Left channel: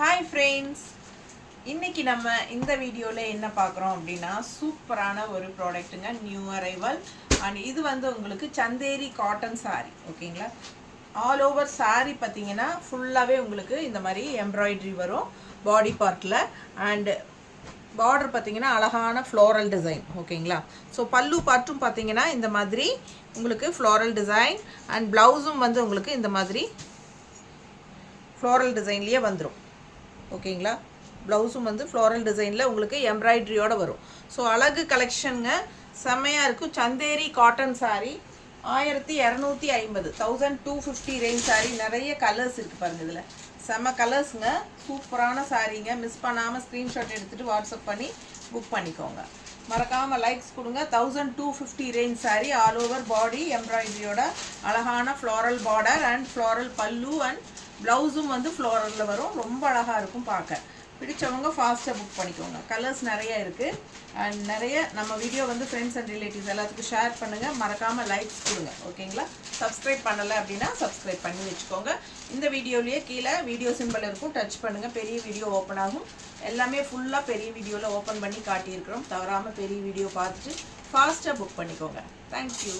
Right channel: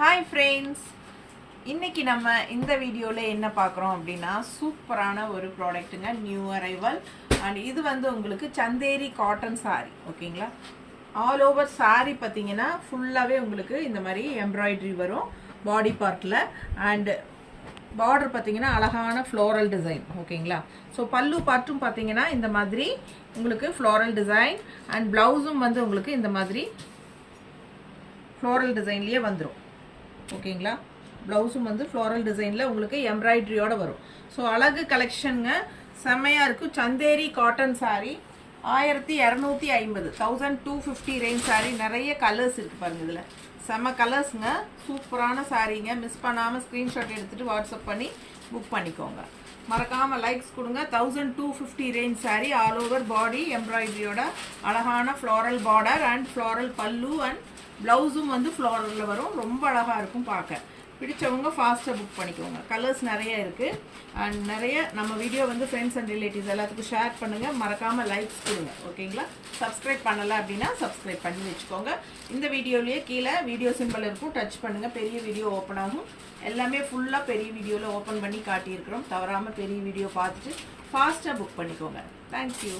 Hi friends, இன்னைக்கு நம்ம இந்த வீடியோல என்ன பார்க்குறோம் அப்படின்னா சூப்பரான ஒரு ப்ராடக்ட்டுங்க, நியூ அரைவல். அண்ட் இது வந்து உங்களுக்கு சந்தேரி காட்டன் சாரி. ஓகேங்களா, ஆல் ஓவர் சாரி பார்த்தீங்கன்னா ஃபுல்லாகவே உங்களுக்கு இந்த மாதிரி எம்ப்ராய்டரி வரும் பாடி பார்ட்டில். அண்ட் பார்டர் பார்த்தீங்கன்னா அழகான ஃப்ளோரல் டிசைன். ஓகேங்களா, ஸோ பல்லு பார்ட்டும் பார்த்தீங்கன்னா இந்த மாதிரி உங்களுக்கு ஃப்ளோரல் டிசைன். அண்ட் ப்ளவுஸும் வந்து உங்களுக்கு இந்த மாதிரி ஃப்ளோரல் டிசைன்லேயே வந்துடும். ஓகேங்களா, ப்ளவுஸும் வந்து ஃப்ளோரல் டிசைனில் உங்களுக்கு எம்ப்ராய்டரியோடு வரும். ஸோ அழகு கலெக்ஷனுங்க, செம்மையாக இருக்கும். Chanderi cotton sari 1250, 1250 range sari. நிறைய கலர்ஸ் இருக்குது பாருங்கள், இதில் செம்ம கலர்ஸுங்க, சூப்பரான சாரீங்க. மிஸ் பண்ணாமல் ஸ்க்ரீன்ஷாட் எடுத்துகிட்டு வாட்ஸ்அப் பண்ணி புக் பண்ணிக்கோங்க. மறக்காமல் லைக்ஸ் கொடுங்க. 1250 range sari, all over body எம்ப்ராய்டரியோட அழகான floral border and floral pallu and ப்ளவுஸும் வந்து ஃப்ளோரலில் வரும். ரொம்ப அழகாக இருக்கும் பார்க்க. பிடிச்சவங்க ஃபாஸ்ட்டாக புக் பண்ணிக்கோங்க. கலர்ஸ் நிறைய இருக்குது. அண்ட் நிறைய நம்ம வீடியோ வந்து ஃப்ரெண்ட்ஸ் அண்ட் ரிலேட்டிவ்ஸ் எல்லாத்துக்கும் ஷேர் பண்ணுங்கள். மறக்காமல் லைக்ஸ் கொடுங்க. ஓகேங்களா, சப்ஸ்கிரைப் பண்ணலை அப்படின்னா சப்ஸ்கிரைப் பண்ணி வச்சுக்கோங்க. இந்த வீடியோலேயே கீழே வீடியோ சிம்பிள் இருக்கும், டச் பண்ணுங்கள். பெரிய வீடியோ ஓப்பன் ஆகும். எல்லாமே ஃபுல்லாக பெரிய வீடியோவில் ஓப்பன் பண்ணி காட்டியிருக்கிறோம். தவறாமல் பெரிய வீடியோ பார்த்துட்டு ஃபாஸ்ட்டாக புக் பண்ணிக்கோங்க. தேங்க்யூ.